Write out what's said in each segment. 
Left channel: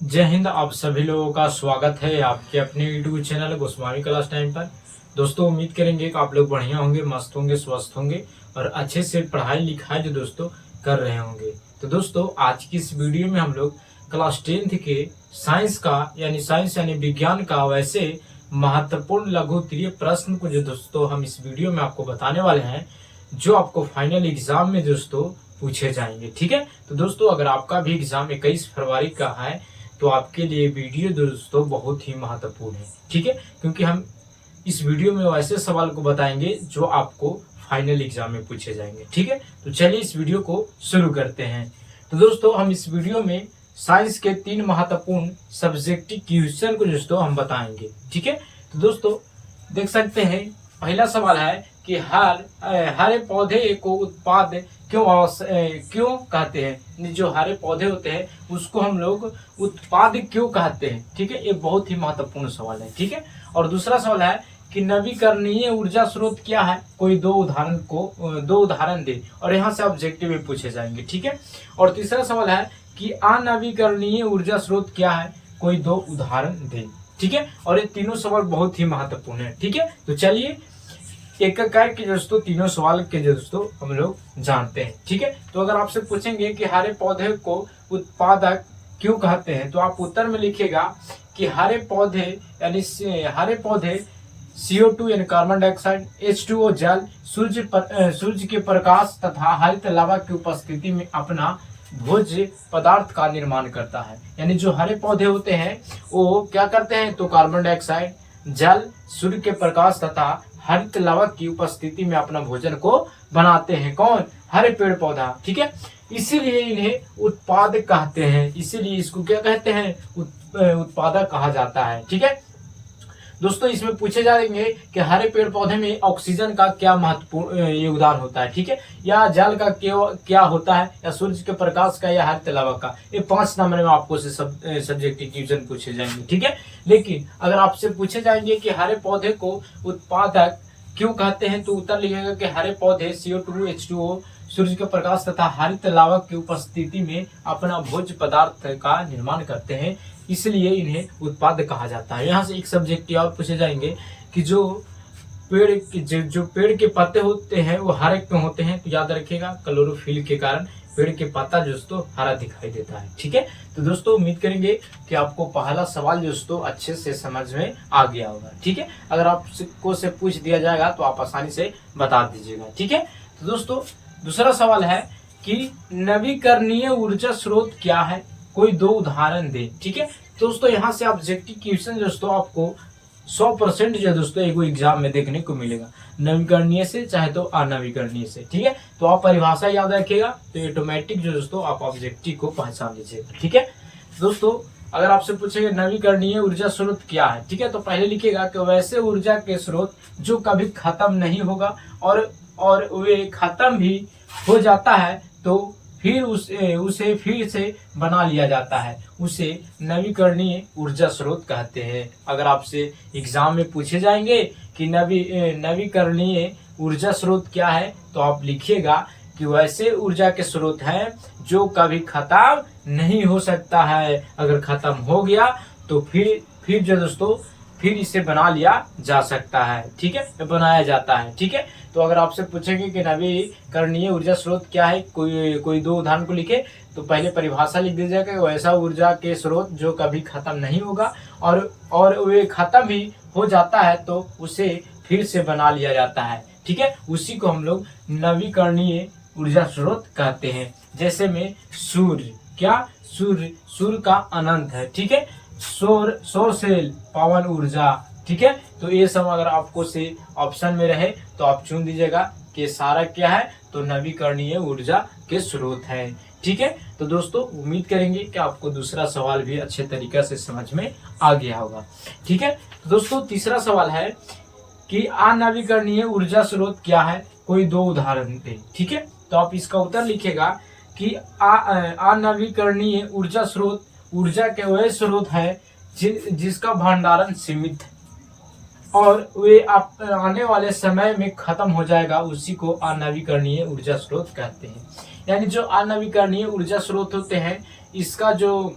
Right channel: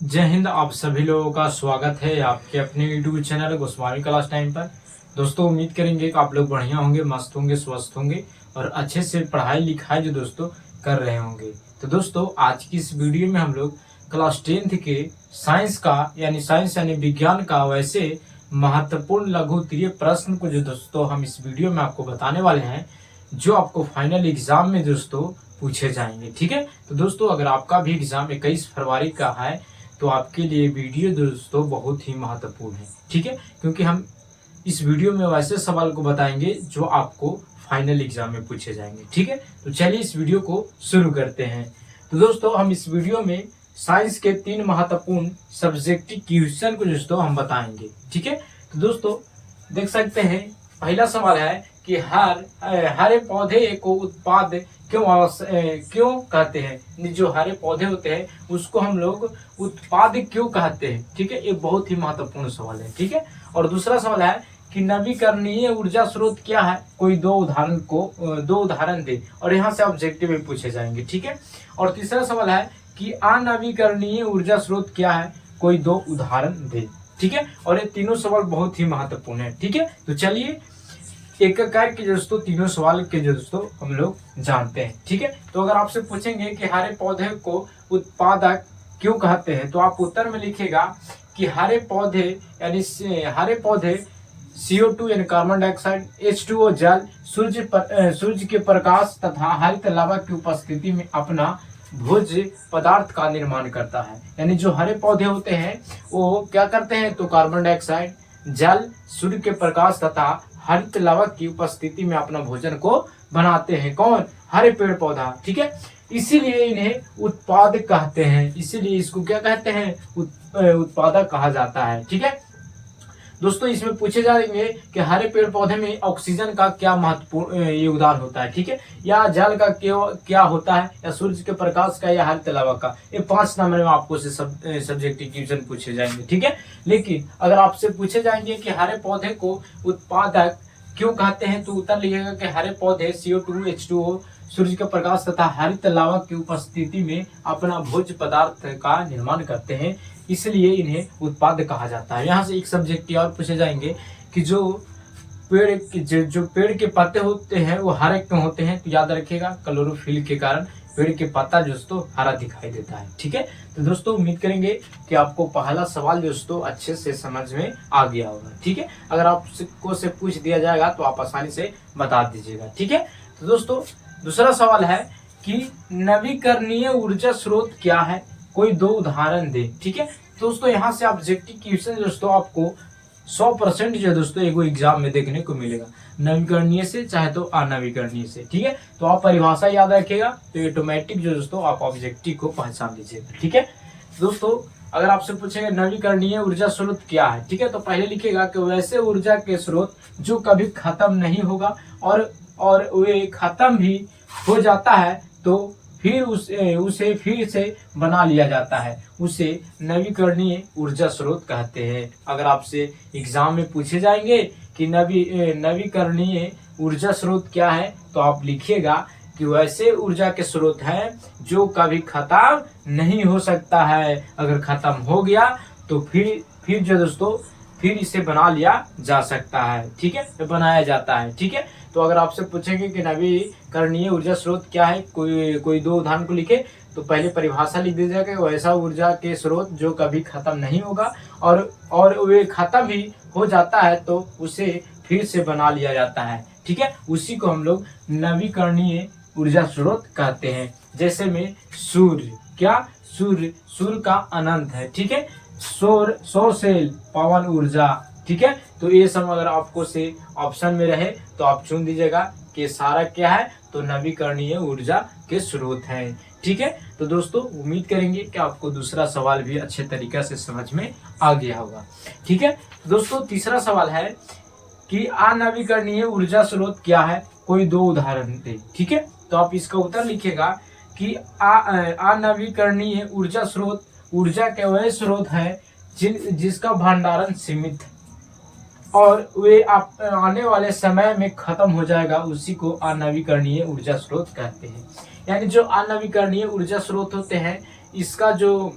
जय हिंद। आप सभी लोगों का स्वागत है आपके अपने YouTube channel Goswami class time पर। दोस्तों उम्मीद करेंगे कि आप लोग बढ़िया होंगे, मस्त होंगे, स्वस्थ होंगे और अच्छे से पढ़ाई लिखाई जो दोस्तों कर रहे होंगे। तो दोस्तों आज की इस वीडियो में हम लोग क्लास 10th के साइंस का यानी विज्ञान का वैसे महत्वपूर्ण लघु उत्तरीय प्रश्न को जो दोस्तों हम इस वीडियो में आपको बताने वाले हैं, जो आपको फाइनल एग्जाम में दोस्तों पूछे जाएंगे। ठीक है, तो दोस्तों अगर आपका भी एग्जाम 21 फरवरी का है तो आपके लिए वीडियो दोस्तों बहुत ही महत्वपूर्ण है। ठीक है, क्योंकि हम इस वीडियो में वैसे सवाल को बताएंगे जो आपको फाइनल एग्जाम में पूछे जाएंगे। ठीक है, तो चलिए इस वीडियो को शुरू करते हैं। तो दोस्तों हम इस वीडियो में साइंस के 3 महत्वपूर्ण सब्जेक्टिव क्वेश्चन को दोस्तों हम बताएंगे। ठीक है, तो दोस्तों देख सकते हैं पहला सवाल है कि हरे पौधे को उत्पाद क्यों कहते हैं। जो हरे पौधे होते हैं उसको हम लोग उत्पाद क्यों कहते हैं। ठीक है, ये बहुत ही महत्वपूर्ण सवाल है। ठीक है, और दूसरा सवाल है कि नवीकरणीय ऊर्जा स्रोत क्या है, कोई दो उदाहरण दे, और यहाँ से ऑब्जेक्टिव भी पूछे जाएंगे। ठीक है, और तीसरा सवाल है कि अनवीकरणीय ऊर्जा स्रोत क्या है, कोई दो उदाहरण दे। ठीक है, और ये तीनों सवाल बहुत ही महत्वपूर्ण है। ठीक है, तो चलिए एक करके दोस्तों तीनों सवाल के दोस्तों हम लोग जानते हैं। ठीक है, तो अगर आपसे पूछेंगे कि हरे पौधे को उत्पादक क्यों कहते हैं, तो आप उत्तर में लिखिएगा कि हरे पौधे CO2 यानी कार्बन डाइऑक्साइड, H2O जल, सूर्य के प्रकाश तथा हरित लावा की उपस्थिति में अपना भोज्य पदार्थ का निर्माण करता है। यानी जो हरे पौधे होते हैं वो क्या करते हैं, तो कार्बन डाइऑक्साइड, जल, सूर्य के प्रकाश तथा हरित लावा की उपस्थिति में अपना भोजन को बनाते हैं। कौन? हरे पेड़ पौधा। ठीक है, इसीलिए इन्हें उत्पाद कहते हैं, इसीलिए इसको क्या कहते हैं, उत्पादक कहा जाता है। ठीक है दोस्तों, इसमें पूछे जाएंगे कि हरे पेड़ पौधे में ऑक्सीजन का क्या महत्वपूर्ण योगदान होता है। ठीक है, या जल का क्या होता है, या सूर्य के प्रकाश का, या हरित लावा का। ये 5 नंबर में आपको से सब्जेक्टिव क्वेश्चन पूछे जाएंगे। ठीक है, लेकिन अगर आपसे पूछे जाएंगे कि हरे पौधे को उत्पादक क्यों कहते हैं, तो उत्तर लिखेगा कि हरे पौधे CO2, H2O, सूर्य के प्रकाश तथा हरित लावा की उपस्थिति में अपना भोज्य पदार्थ का निर्माण करते हैं, इसलिए इन्हें उत्पाद कहा जाता है। यहाँ से एक सब्जेक्ट और पूछे जाएंगे कि जो पेड़ के पत्ते होते हैं वो हरे क्यों होते हैं, तो याद रखिएगा क्लोरोफिल के कारण पेड़ के पत्ता दोस्तों हरा दिखाई देता है। ठीक है, तो दोस्तों उम्मीद करेंगे कि आपको पहला सवाल दोस्तों अच्छे से समझ में आ गया होगा। ठीक है, अगर आपको से पूछ दिया जाएगा तो आप आसानी से बता दीजिएगा। ठीक है, तो दोस्तों दूसरा सवाल है कि नवीकरणीय ऊर्जा स्रोत क्या है, कोई दो उदाहरण दे। ठीक है, दोस्तों यहाँ से ऑब्जेक्टिव क्वेश्चन दोस्तों आपको 100% जो दोस्तों एगो एग्जाम में देखने को मिलेगा, नवीकरणीय से चाहे तो अनवीकरणीय से। ठीक है, तो आप परिभाषा याद रखिएगा तो ऑटोमेटिक जो दोस्तों आप ऑब्जेक्टिव को पहचान लीजिएगा। ठीक है दोस्तों, अगर आपसे पूछेंगे नवीकरणीय ऊर्जा स्रोत क्या है, ठीक है, तो पहले लिखिएगा कि वैसे ऊर्जा के स्रोत जो कभी खत्म नहीं होगा और वे खत्म भी हो जाता है तो फिर उसे फिर से बना लिया जाता है, उसे नवीकरणीय ऊर्जा स्रोत कहते हैं। अगर आपसे एग्जाम में पूछे जाएंगे कि नवीकरणीय ऊर्जा स्रोत क्या है, तो आप लिखिएगा कि वैसे ऊर्जा के स्रोत हैं जो कभी खत्म नहीं हो सकता है, अगर खत्म हो गया तो फिर जो दोस्तों फिर इसे बना लिया जा सकता है। ठीक है, बनाया जाता है। ठीक है, तो अगर आपसे पूछेंगे कि नवीकरणीय ऊर्जा स्रोत क्या है, कोई दो उदाहरण को लिखे, तो पहले परिभाषा लिख दीजिएगा कि वैसा ऊर्जा के स्रोत जो कभी खत्म नहीं होगा और वे खत्म भी हो जाता है तो उसे फिर से बना लिया जाता है। ठीक है, उसी को हम लोग नवीकरणीय ऊर्जा स्रोत कहते हैं। जैसे में सूर्य का अनंत है। ठीक है, सौर सेल पवन ऊर्जा। ठीक है, तो ये सब अगर आपको से ऑप्शन में रहे तो आप चुन दीजिएगा कि सारा क्या है, तो नवीकरणीय ऊर्जा के स्रोत है। ठीक है, तो दोस्तों उम्मीद करेंगे कि आपको दूसरा सवाल भी अच्छे तरीके से समझ में आ गया होगा। ठीक है दोस्तों, तीसरा सवाल है कि अनवीकरणीय ऊर्जा स्रोत क्या है, कोई दो उदाहरण दे। ठीक है, तो आप इसका उत्तर लिखेगा कि अनवीकरणीय ऊर्जा स्रोत ऊर्जा के वह स्रोत है जिसका भंडारण सीमित है और वे आने वाले समय में खत्म हो जाएगा, उसी को अनवीकरणीय ऊर्जा स्रोत कहते हैं। यानी जो अनवीकरणीय ऊर्जा स्रोत होते हैं इसका जो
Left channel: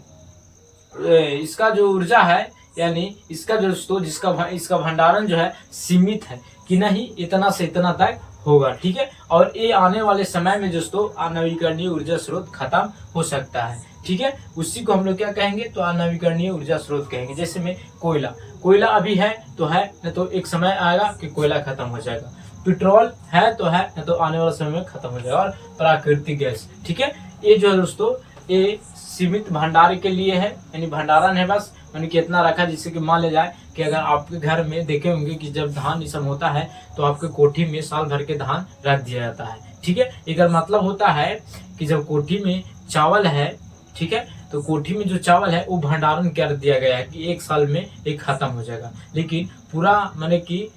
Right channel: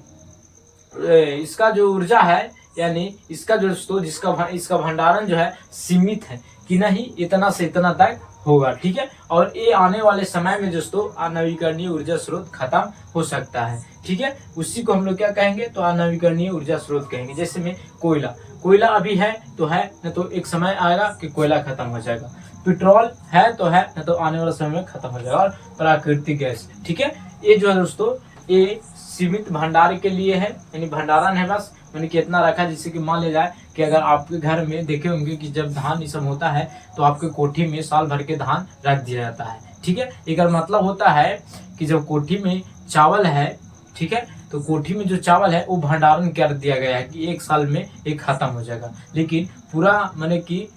इसका जो ऊर्जा है, यानी इसका जो दोस्तों इसका भंडारण जो है सीमित है कि नहीं इतना से इतना तक होगा, ठीक है। और ये आने वाले समय में दोस्तों अनवीकरणीय ऊर्जा स्रोत खत्म हो सकता है, ठीक है। उसी को हम लोग क्या कहेंगे, तो अनवीकरणीय ऊर्जा स्रोत कहेंगे। जैसे में कोयला अभी है तो है, न तो एक समय आएगा कि कोयला खत्म हो जाएगा। पेट्रोल है तो है, न तो आने वाले समय में खत्म हो जाएगा। और प्राकृतिक गैस, ठीक है। ये जो है दोस्तों ये सीमित भंडार के लिए है, यानी भंडारण है बस, यानी कि इतना रखा जिससे कि मान ले जाए कि अगर आपके घर में देखे होंगे कि जब धान ये सब होता है तो आपके कोठी में साल भर के धान रख दिया जाता है, ठीक है। एक मतलब होता है कि जब कोठी में चावल है, ठीक है, तो कोठी में जो चावल है वो भंडारण कर दिया गया है कि एक साल में ये खत्म हो जाएगा। लेकिन पूरा माने कि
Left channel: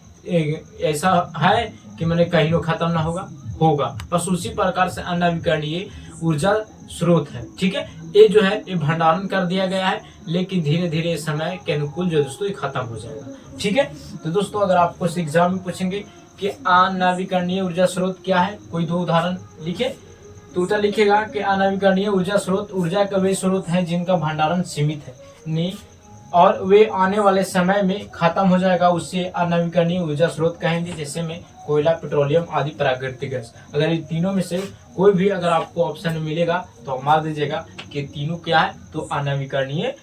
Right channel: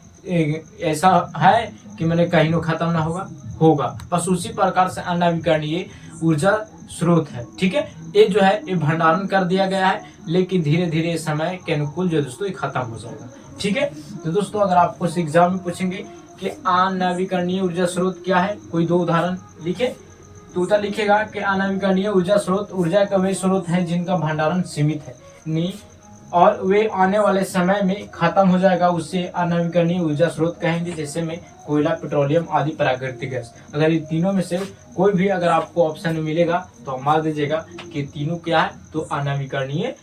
ऐसा है कि मैंने कहीं नो खत्म ना होगा। बस उसी प्रकार से अनवीकरणीय ऊर्जा स्रोत है, ठीक है। ये जो है ये भंडारण कर दिया गया है, लेकिन धीरे धीरे समय के अनुकूल जो दोस्तों ये खत्म हो जाएगा, ठीक है। तो दोस्तों अगर आपको एग्जाम में पूछेंगे कि अनवीकरणीय ऊर्जा स्रोत क्या है, कोई दो उदाहरण लिखे तो उत्तर लिखेगा कि अनवीकरणीय ऊर्जा स्रोत ऊर्जा का वे स्रोत हैं जिनका भंडारण सीमित है नहीं और वे आने वाले समय में खत्म हो जाएगा, उससे अनवीकरणीय ऊर्जा स्रोत कहेंगे। जैसे में कोयला, पेट्रोलियम आदि प्राकृतिक गैस। अगर ये तीनों में से कोई भी अगर आपको ऑप्शन में मिलेगा तो आप मान दीजिएगा कि तीनों क्या है, तो अनवीकरणीय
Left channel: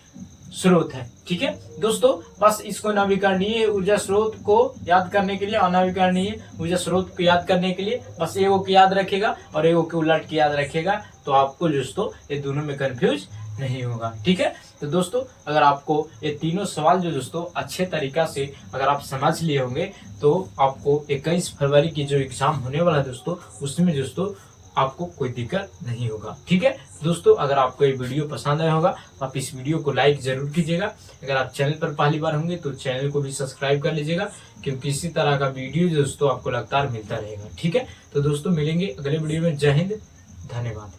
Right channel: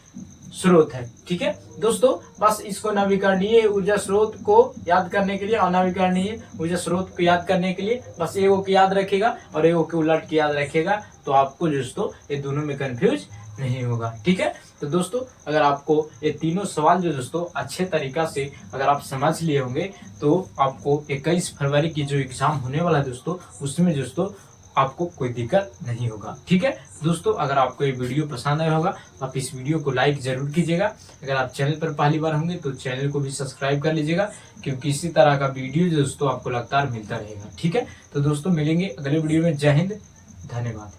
स्रोत है, ठीक है दोस्तों। बस इसको नवीकरणीय ऊर्जा स्रोत को याद करने के लिए, अनवीकरणीय ऊर्जा स्रोत को याद करने के लिए बस एगो को याद रखेगा और एगो के उलट के याद रखेगा, तो आपको दोस्तों ये दोनों में कंफ्यूज नहीं होगा, ठीक है। तो दोस्तों अगर आपको ये तीनों सवाल जो दोस्तों अच्छे तरीका से अगर आप समझ लिए होंगे तो आपको 21 फरवरी की जो एग्जाम होने वाला है दोस्तों, उसमें दोस्तों आपको कोई दिक्कत नहीं होगा, ठीक है दोस्तों। अगर आपको ये वीडियो पसंद आया होगा तो आप इस वीडियो को लाइक जरूर कीजिएगा। अगर आप चैनल पर पहली बार होंगे तो चैनल को भी सब्सक्राइब कर लीजिएगा, क्योंकि इसी तरह का वीडियो दोस्तों आपको लगातार मिलता रहेगा, ठीक है। तो दोस्तों मिलेंगे अगले वीडियो में। जय हिंद, धन्यवाद।